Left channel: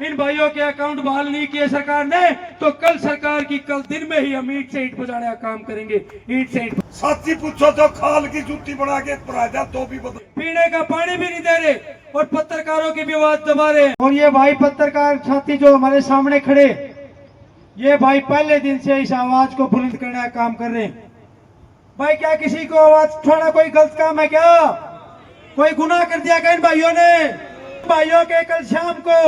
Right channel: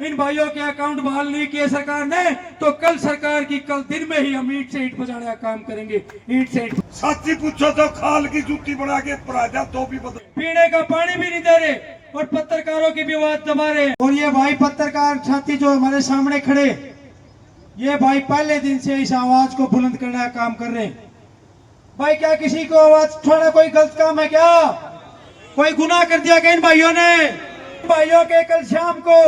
इन भाइयों के अकाउंट बहाल नहीं किए सरकार ने तो कल सरकार की कल दिन में ही हम ईंट से ईंट बजाने का काम करेंगे। ईंट से ईंट साथी पूछो तो खाल की जूती बना के पराजा तो भी बदल पीने का पानी भी नहीं दे रहे और पत्रकारों की भी आवाज दबा रहे। और ये भाई पत्रकार साथी जो हमारे सामने खड़े, ये भाई पहले दिन से इस आवाज को बुलंद करने का काम कर रहे हैं। भाई क्या किसी को आवाज छोड़ा कोई गलत काम है क्या? कोई गुनाह कर दिया क्या इन भाइयों ने? भाइयों के कल शाम को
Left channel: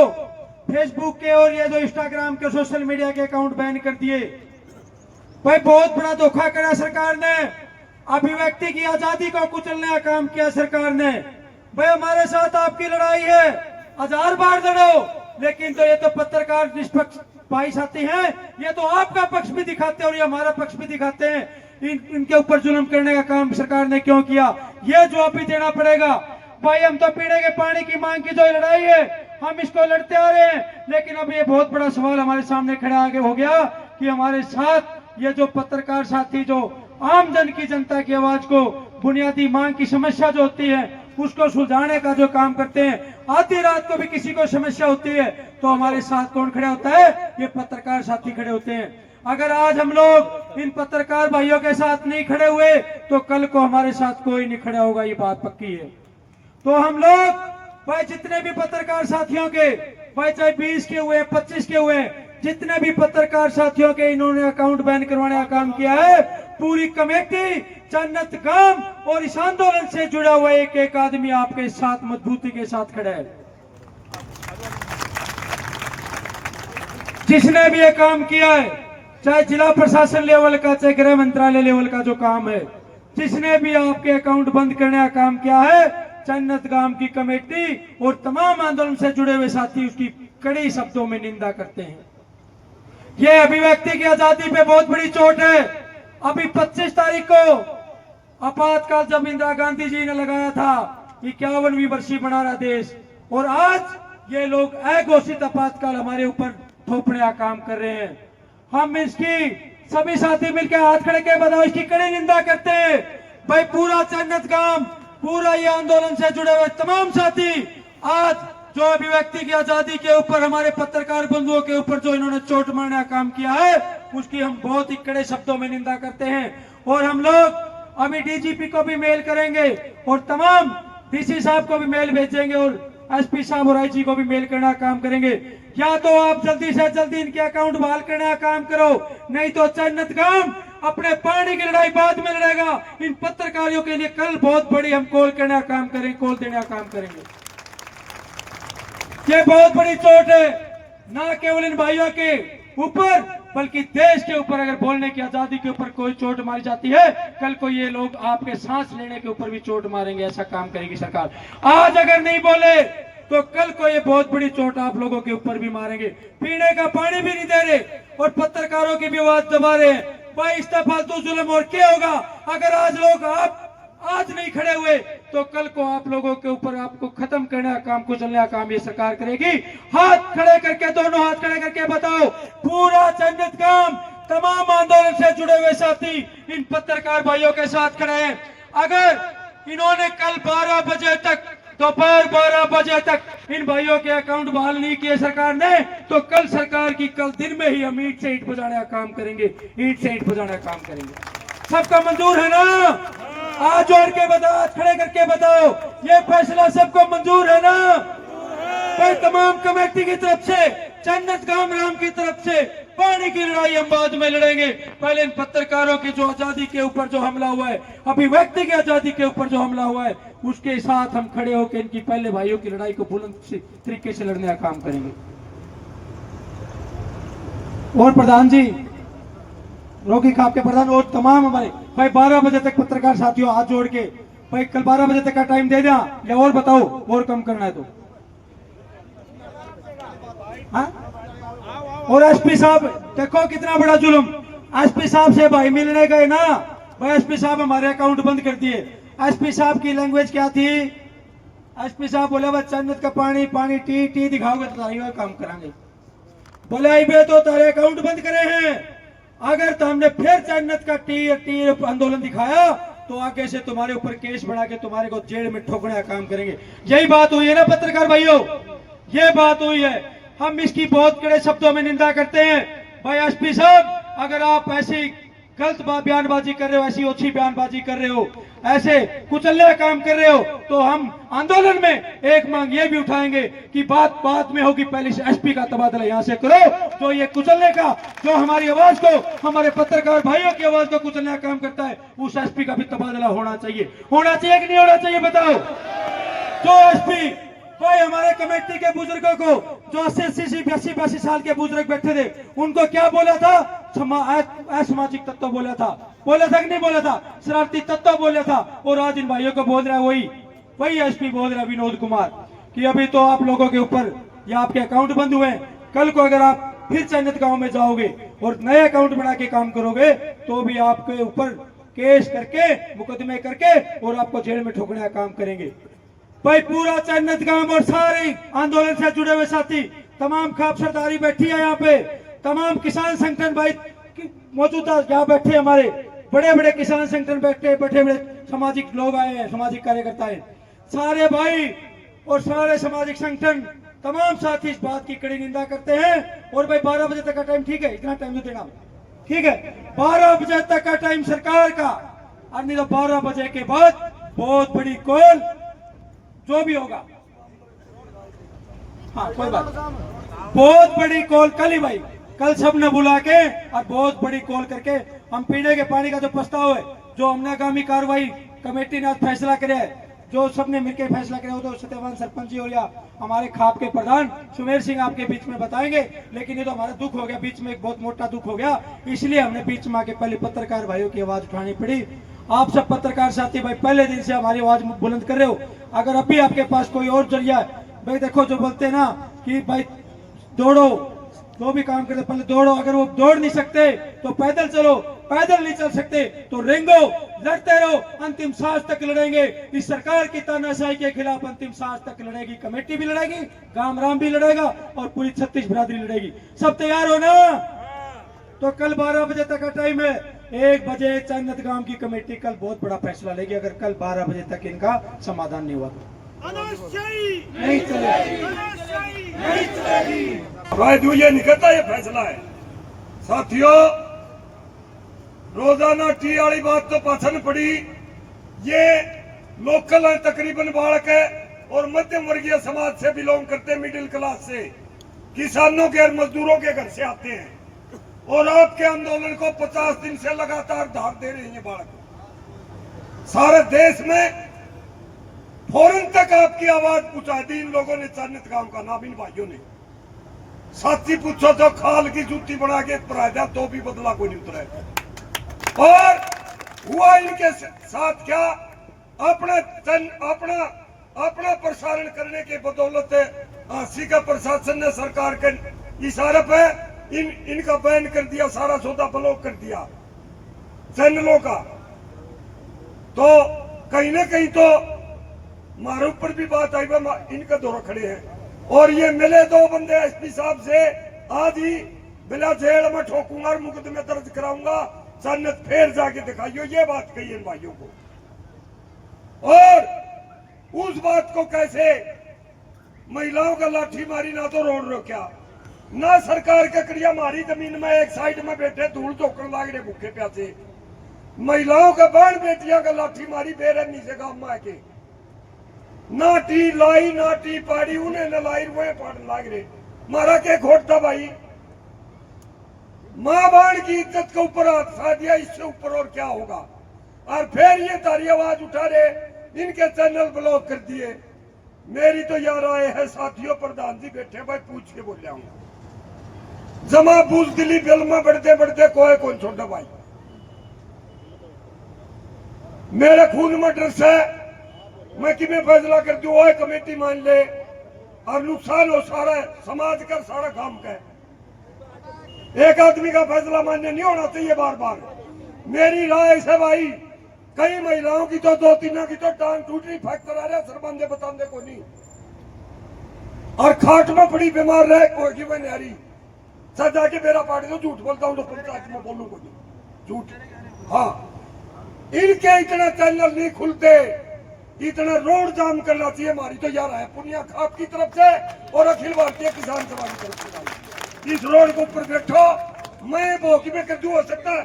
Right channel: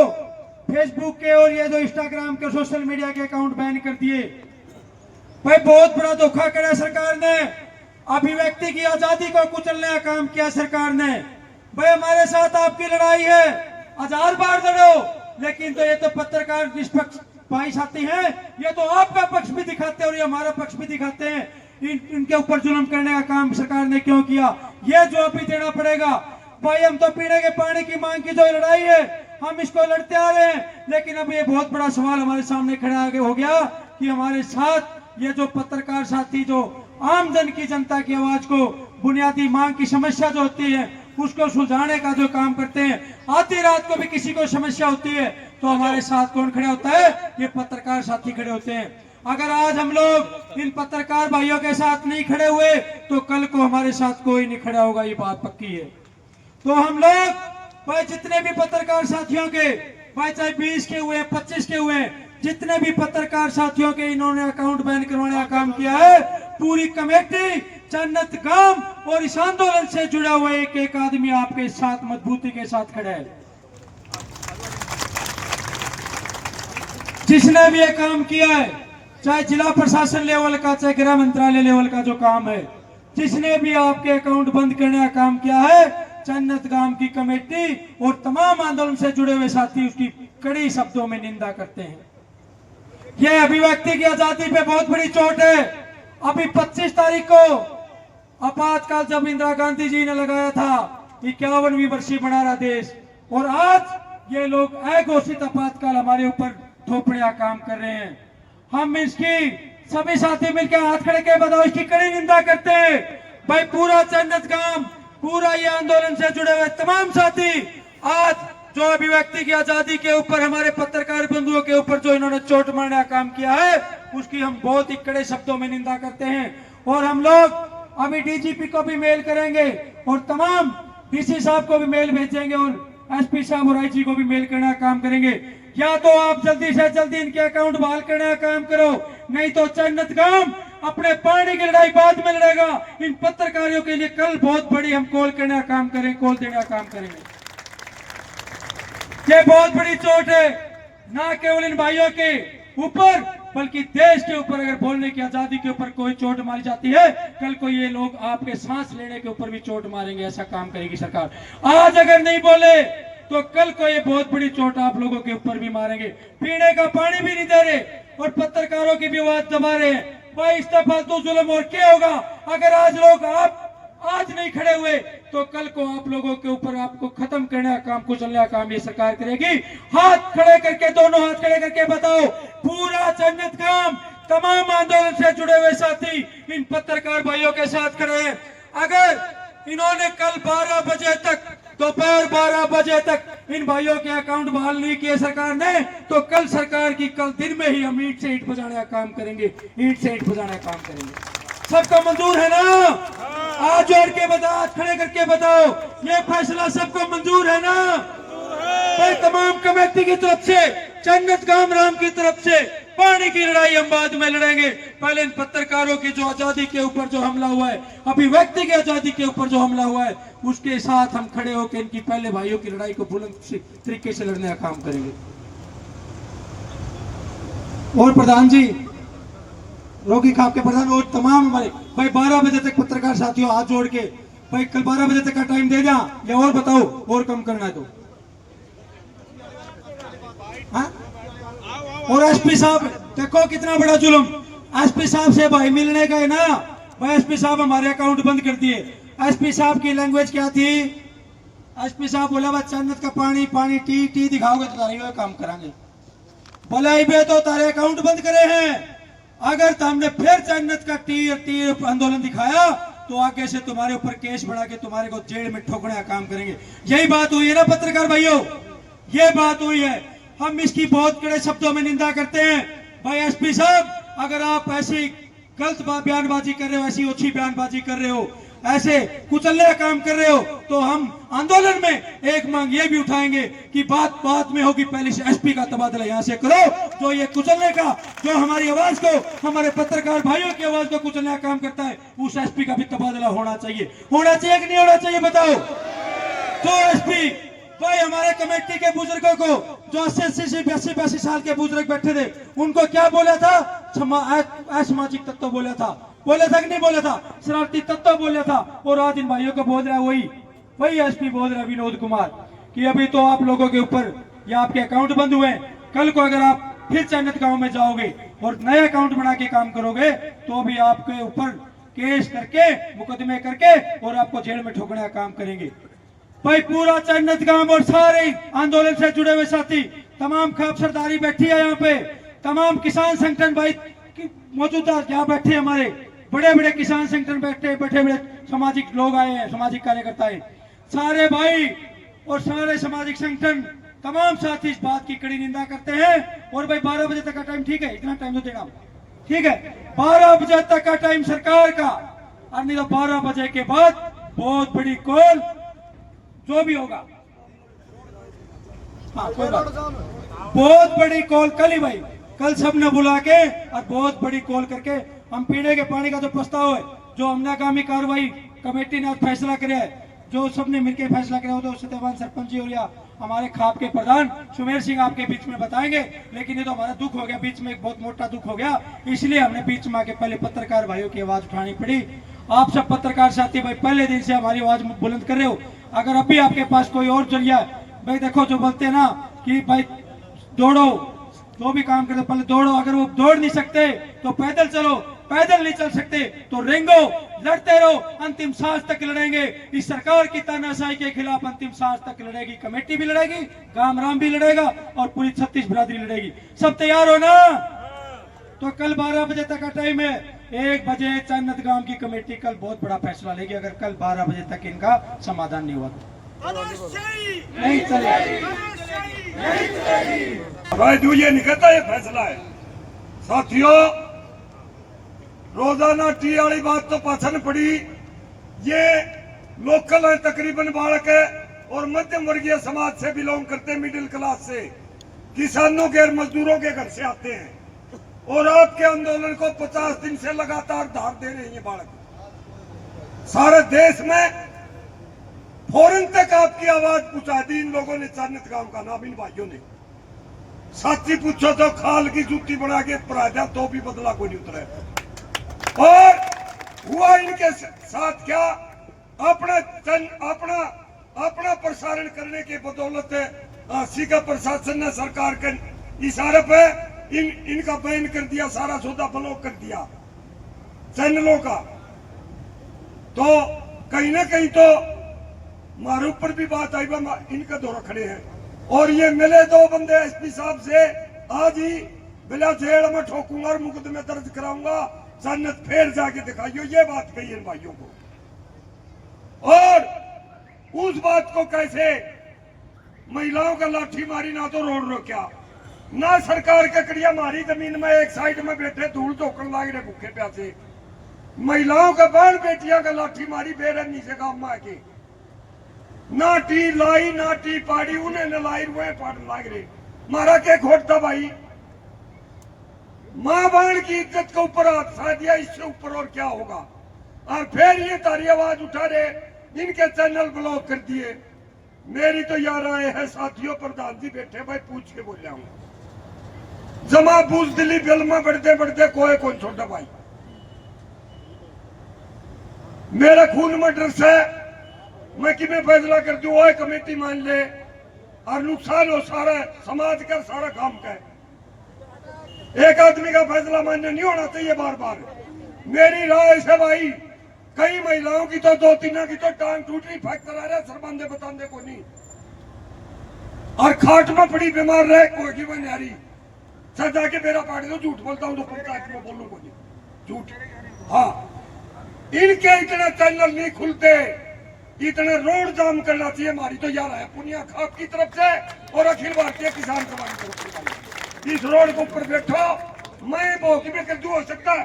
फेसबुक के और ये जो इंस्टाग्राम के सोशल मीडिया के अकाउंट बैन कर दिए। भाई बहुत बड़ा धोखा करा सरकार ने, अभिव्यक्ति की आजादी को कुचलने का काम किया सरकार ने। भाई हमारे साथ आपकी लड़ाई है, 1000 बार लड़ो, लेकिन तो ये तो पत्रकार निष्पक्ष भाई साथी हैं, ये तो आपका पक्ष भी दिखाते हैं और ये हमारा पक्ष भी दिखाते हैं। इनके ऊपर जुल्म करने का काम सरकार ने क्यों किया, ये जवाब भी देना पड़ेगा। भाई हम तो पीने के पानी की मांग की जो लड़ाई है हम इसको लड़ते आ रहे हैं, लेकिन अब ये बहुत बड़ा सवाल हमारे सामने खड़ा आगे हो गया कि हमारे साथ ये जो पत्रकार साथी जो आम जन की जनता की आवाज को बुनियादी मांग की समस्या जो होती है उसको सुलझाने का जो काम करते हैं, आधी रात को भी किसी को समस्या होती है तो हमारे साथ कौन खड़े होता है? ये पत्रकार साथी खड़े होते हैं। अगर आज हम लोग इन पत्रकार भाइयों के साथ नहीं खड़े हुए तो कल को हमारे साथ कोई नहीं खड़ा होगा, ये बात पक्की है। तो हम लोग भाई जितने भी पत्रकार साथियों के, भाई चाहे 20 के हुए 25 के हुए, जितने भी पत्रकार साथियों के इन्होंने अकाउंट बैन करवाने का काम किया है, पूरी कमेटी जन्नत गांव और इस आंदोलन से जुड़ा हुआ एक एक आदमी आपके साथ मजबूती के साथ खड़ा है। जिसने भी ये काम किया है, चाहे जिला प्रशासन लेवल का चाहे गृह मंत्रालय लेवल का जो काम है, जिसने भी आपके अकाउंट बंद करने का काम किया है, जन्नत गांव की कमेटी और तमाम आंदोलन से जुड़े हुए साथी उसकी कड़ी शब्दों में निंदा करते हैं। यह अभिव्यक्ति की आजादी पे बहुत बड़ी चोट है। अभी 25 तारीख को आपातकाल जब इंदिरा गांधी जी ने लगाया था 51वीं वर्षी बना रहा देश, और आज ये लोग अघोषित आपातकाल हमारे ऊपर थोपने का काम कर रहे हैं। हम इसकी सभी साथी मिलकर हाथ खड़े के बताओ इसकी कड़ी निंदा करते हैं। भाई पूरा जन्नत गांव, पूरा ये आंदोलन से जुड़े हुए तमाम साथी आज जो अभिव्यक्ति की आजादी के ऊपर हमारे पत्रकार बंधुओं के ऊपर जो इन्होंने चोट मारने का काम किया है उसकी हम बहुत ही कड़े शब्दों में निंदा करते हैं। और हम लोग अभी डीजीपी को भी मेल करेंगे और तमाम डीसी साहब को भी मेल भेजेंगे और एसपी साहब और आईजी को भी मेल करने का काम करेंगे। या तो आप जल्दी से जल्दी इनके अकाउंट बहाल करने का काम करो, नहीं तो जन्नत गांव अपने पानी की लड़ाई बाद में लड़ेगा। इन पत्रकारों के लिए कल बहुत बड़ी हम कॉल करने का काम करेंगे, कॉल देने का काम करेंगे। ये बहुत बड़ी चोट है, ना केवल इन भाइयों के ऊपर बल्कि देश के ऊपर। अगर बोलने की आजादी के ऊपर कोई चोट मारी जाती है, कल को ये लोग आपके सांस लेने के ऊपर भी चोट मारेंगे। ऐसा काम करेगी सरकार। आज अगर नहीं बोले तो कल को ये बहुत बड़ी चोट आप लोगों के ऊपर भी मारेंगे। पीने का पानी भी नहीं दे रहे और पत्रकारों की भी आवाज दबा रहे हैं। भाई इस फालतू जुल्म और क्या होगा? अगर आज लोग आप आज नहीं खड़े हुए तो कल को आप लोगों के ऊपर आपको खत्म करने का काम, कुचलने का काम ये सरकार करेगी। हाथ खड़े करके, दोनों हाथ खड़े करके बताओ, पूरा जन्नत गांव तमाम आंदोलन से जुड़े हुए साथी इन पत्रकार भाइयों के साथ खड़े हैं। अगर इन्होंने कल 12 बजे तक, दोपहर 12 बजे तक इन भाइयों के अकाउंट बहाल नहीं किए सरकार ने तो कल सरकार की कल दिन में ही हम ईंट से ईंट बजाने का काम करेंगे। ईंट से ईंट बजाने का काम करेंगे। सबको मंजूर है ना? आज जोड़ के बताओ, हाथ खड़े करके बताओ, ये फैसला सबको मंजूर है ना? भाई तमाम कमेटी की तरफ से, जन्नत गांव राम की तरफ से पानी की लड़ाई हम बाद में लड़ेंगे। पहले इन पत्रकारों की जो आजादी के ऊपर जो हमला हुआ है, अभिव्यक्ति की आजादी के ऊपर जो हमला हुआ है, उसके साथ हम खड़े होकर इनकी पहले भाइयों की लड़ाई को बुलंद तरीके से लड़ने का काम करेंगे। और प्रधान जी, रोगी खाप के प्रधान और तमाम हमारे भाई 12 बजे तक पत्रकार साथियों हाथ जोड़ के भाई कल 12 बजे तक का टाइम दे दिया या और बताओ और कम करना है तो। और एसपी साहब देखो कितना बड़ा जुल्म, एसपी साहब से भाई मिलने गए ना, भाई एसपी साहब हमारे अकाउंट बंद कर दिए। एसपी साहब की लैंग्वेज क्या थी? एसपी साहब बोले बस जन्नत का पानी पानी टी टी दिखाओगे तो तारी काम करांगे। बोले आई तो तारे अकाउंट बंद करे हैं, अगर तुमने फिर जन्नत का टी आंदोलन दिखाया तो आगे से तुम्हारे ऊपर केस बढ़ा के तुम्हारे को जेल में ठोकने का काम करेंगे। यही बात हुई है ना पत्रकार भाइयों? ये बात हुई है। हम इसकी बहुत कड़े शब्दों में निंदा करते हैं। भाई एसपी साहब, अगर आप ऐसी गलत बयानबाजी कर रहे हो, ऐसी ओछी बयानबाजी कर रहे हो, ऐसे कुचले काम कर रहे हो, तो हम आंदोलन में एक मांग ये भी उठाएंगे कि बात बात में होगी, पहले से एसपी का तबादला यहां से करो। जो ये कुचलने का, जो हमारी आवाज को, हमारे पत्रकार भाइयों की आवाज को कुचलने का काम करता है, उस एसपी का भी तबादला होना चाहिए कि नहीं होना चाहिए, बताओ। जो एसपी भाई हमारे कमेटी के बुजुर्गों को, जो 80-82 साल के बुजुर्ग बैठे थे, उनको क्या बोला था? असामाजिक तत्व बोला था कि नहीं बोला था? शरारती तत्व बोला था। और आज इन भाइयों को बोल रहा है वही एसपी बोल रहा है विनोद कुमार कि अभी तो आप लोगों के ऊपर या आपके अकाउंट बंद हुए, कल को अगर आप फिर चन्नत गांव में जाओगे और नए अकाउंट बना के काम करोगे तो भी आपके ऊपर केस करके, मुकदमे करके और आपको जेल में ठोकने का काम करेंगे। भाई पूरा चन्नत गांव और सारे आंदोलन से जुड़े हुए साथी, तमाम खाप सरदारी बैठी है यहाँ पे, तमाम किसान संगठन भाई मौजूदा यहाँ बैठे, हमारे बड़े बड़े किसान संगठन बैठे बड़े सामाजिक लोग आए हैं, सामाजिक कार्यकर्ता है, सारे भाई और सारे सामाजिक संगठन तमाम साथी इस बात की कड़ी निंदा करते हैं। और भाई 12 बजे तक का टाइम, ठीक है, इतना टाइम तो देना, ठीक है, 12 बजे तक का टाइम सरकार का, और नहीं तो 12 बजे के बाद बहुत बड़ी कॉल जो भी होगा, हाँ कोई बात, बहुत बड़ी कॉल कल ही भाई, कल सबने बुला के और बहुत बड़ी कॉल करके हम पीने के पानी का जो प्रस्ताव है, जो हमने आगामी कार्रवाई कमेटी ने फैसला किया है, जो सबने मिलकर फैसला किया हो, तो सत्यवान सरपंच जी और या हमारे खाप के प्रधान सुमेर सिंह आपके बीच में बताएंगे। लेकिन ये तो हमारा दुख हो गया, बीच में एक बहुत मोटा दुख हो गया, इसलिए हमने बीच में आके पहले पत्रकार भाइयों की आवाज उठानी पड़ी। आप सब पत्रकार साथी भाई पहले दिन से हमारी आवाज बुलंद कर रहे हो, अगर अभी आपके पास कोई और जरिया है, भाई देखो जो बोलते हैं ना कि भाई दौड़ो, जो भी काम करते पहले दौड़ो, अगर वो दौड़ नहीं सकते तो पैदल चलो, पैदल नहीं चल सकते तो रेंगो, लड़ते रहो, अंतिम सांस तक लड़ेंगे। इस सरकार की तानाशाही के खिलाफ अंतिम सांस तक लड़ेगी, कमेटी भी लड़ेगी, गामराम भी लड़ेगा और पूरी 36 बिरादरी लड़ेगी। सब तैयार हो ना? तो कल 12 बजे तक का टाइम है, 1 बजे चन्नत गांव की कमेटी कल बहुत बड़ा फैसला लेगी, अगर कल 12 बजे तक इनका समाधान नहीं हुआ तो नहीं चलेगा। भाई जो ये निकलता ये फैसला है साथियों, रोजाना टी वाली बात तो पाछन पड़ी, ये लोकल है, तकरीबन बालक है और मध्यम वर्गीय समाज से बिलोंग करते, मिडिल क्लास से, किसानों के और मजदूरों के घर से आते हैं, और आपके आंदोलन को 50 दिन से लगातार धार दे रहे हैं ये बालक। सारे देश में फौरन तक आपकी आवाज पहुंचा दी इन लोगों ने, चन्नत गांव का नाम इन भाइयों ने। साथी पूछो तो खाल की जूती बना के पराजा तो भी बदला कोई नहीं उतरा। और हुआ इनके साथ क्या, अपना प्रसारण करने के बदौलत सीका प्रशासन ने सरकार के इशारे पे इनका बैन कर दिया, सारा सौदा ब्लॉक कर दिया चैनलों का। तो कहीं ना कहीं तो हमारे ऊपर भी बात आई, इनका दौरा खड़े हैं। और ये मिले 2 बंदे एसपी साहब से, आज ही बिला जेल में ठोकूंगा और मुकदमे दर्ज कराऊंगा, सन्नत फिर जाके दिखाइयो, ये बात कही इन भाइयों को। और उस बात को कैसे महिलाओं का लाठी मारी, ना तो रोड रोक्या, ना सरकार के कड़िया मारी, जमीन में एक साइड में बैठे धूल धोकन लाग रहे भूखे प्यासे, महिलाओं का बहन बेटियां का लाठी मारी बेरहमी से गांव में आके, ना टी लाई ना टी पाड़ी, उन्हें न लाई वो पाड़ लाग रहे, मारा के खोटता भाई। मां बाण की इज्जत के ऊपर हाथ सा दिया, इससे ऊपर और क्या होगा। और फिर ये तारी आवाज उठा रहे, इनके चैनल ब्लॉक कर दिए। मेरी तो यार आए है साथियों, प्रधान जी बैठे भाई, पूछ के बोल जाऊंगा, जमा बूझ दिली बिल में बढ़ते बढ़ते कोई कौन छोटा भाई, मेरे खून में डर से मैं कि मैं फैसला कर दूं, वो कमेटी मान ले और नुकसान हो सारा समाज का, सारा काम का। एक आदमी का फैसला मान्य नहीं होना चाहिए बार बार। मेरी राय से भाई, कई महिलाओं की तो 2-3 की तो टांग टूट रही, फ्रैक्चर आ रहा, सरबंदे बताने को नहीं, और खाट में पड़ी बीमार रहे, कोई की बन रही सर, जाके मेरा पार्टी तो झूठ बोलता हूं तो पंचायत में बोलूं को नहीं झूठ। हाँ, इनके इतने चैनल नहीं खुलते, इतना रोड जाम करना चाहिए हमारी तो यार है पुनिया खाप की तरफ से और अखिल भारतीय किसान सभा की तरफ से। इस रोड के ऊपर बैठो, मैं भोगी में कर हो सकता है,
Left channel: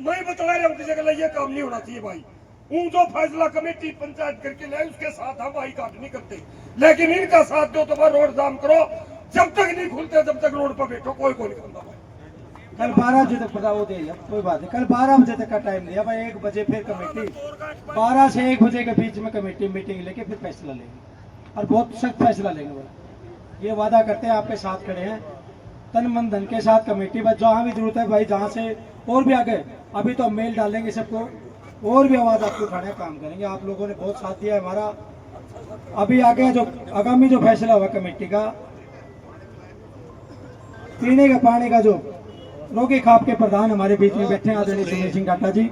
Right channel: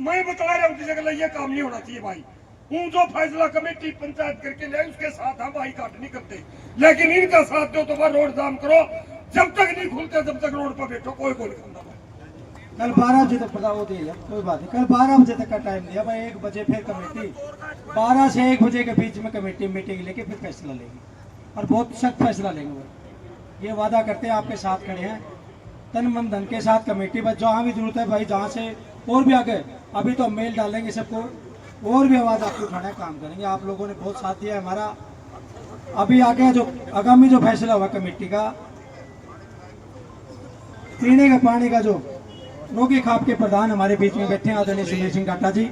मैं बता रहा हूँ किसी का ये काम नहीं होना चाहिए भाई। जो फैसला कमेटी पंचायत करके ले उसके साथ हम भाई काट नहीं करते, लेकिन इनका साथ दो तो बार रोड जाम करो, जब तक नहीं खुलते तब तक रोड पर बैठो, कोई नहीं खाता भाई। कल 12 बजे तक बताओ दे कोई बात नहीं, कल 12 बजे तक का टाइम दिया भाई, 1 बजे फिर कमेटी 12 से 1 बजे के बीच में कमेटी मीटिंग लेके फिर फैसला लेंगे और बहुत सख्त फैसला लेंगे भाई। ये वादा करते हैं आपके साथ खड़े हैं तन मन धन के साथ कमेटी बस जहाँ भी जरूरत है भाई, जहाँ से और भी आगे अभी तो हम मेल डालेंगे सबको और भी आवाज आपको उठाने का काम करेंगे। आप लोगों ने बहुत साथ दिया है हमारा। अभी आगे जो आगामी जो फैसला हुआ कमेटी का, पीने का पानी का जो रोगी खाप के प्रधान हमारे बीच में बैठे हैं आदरणीय सुनील सिंह काटा जी।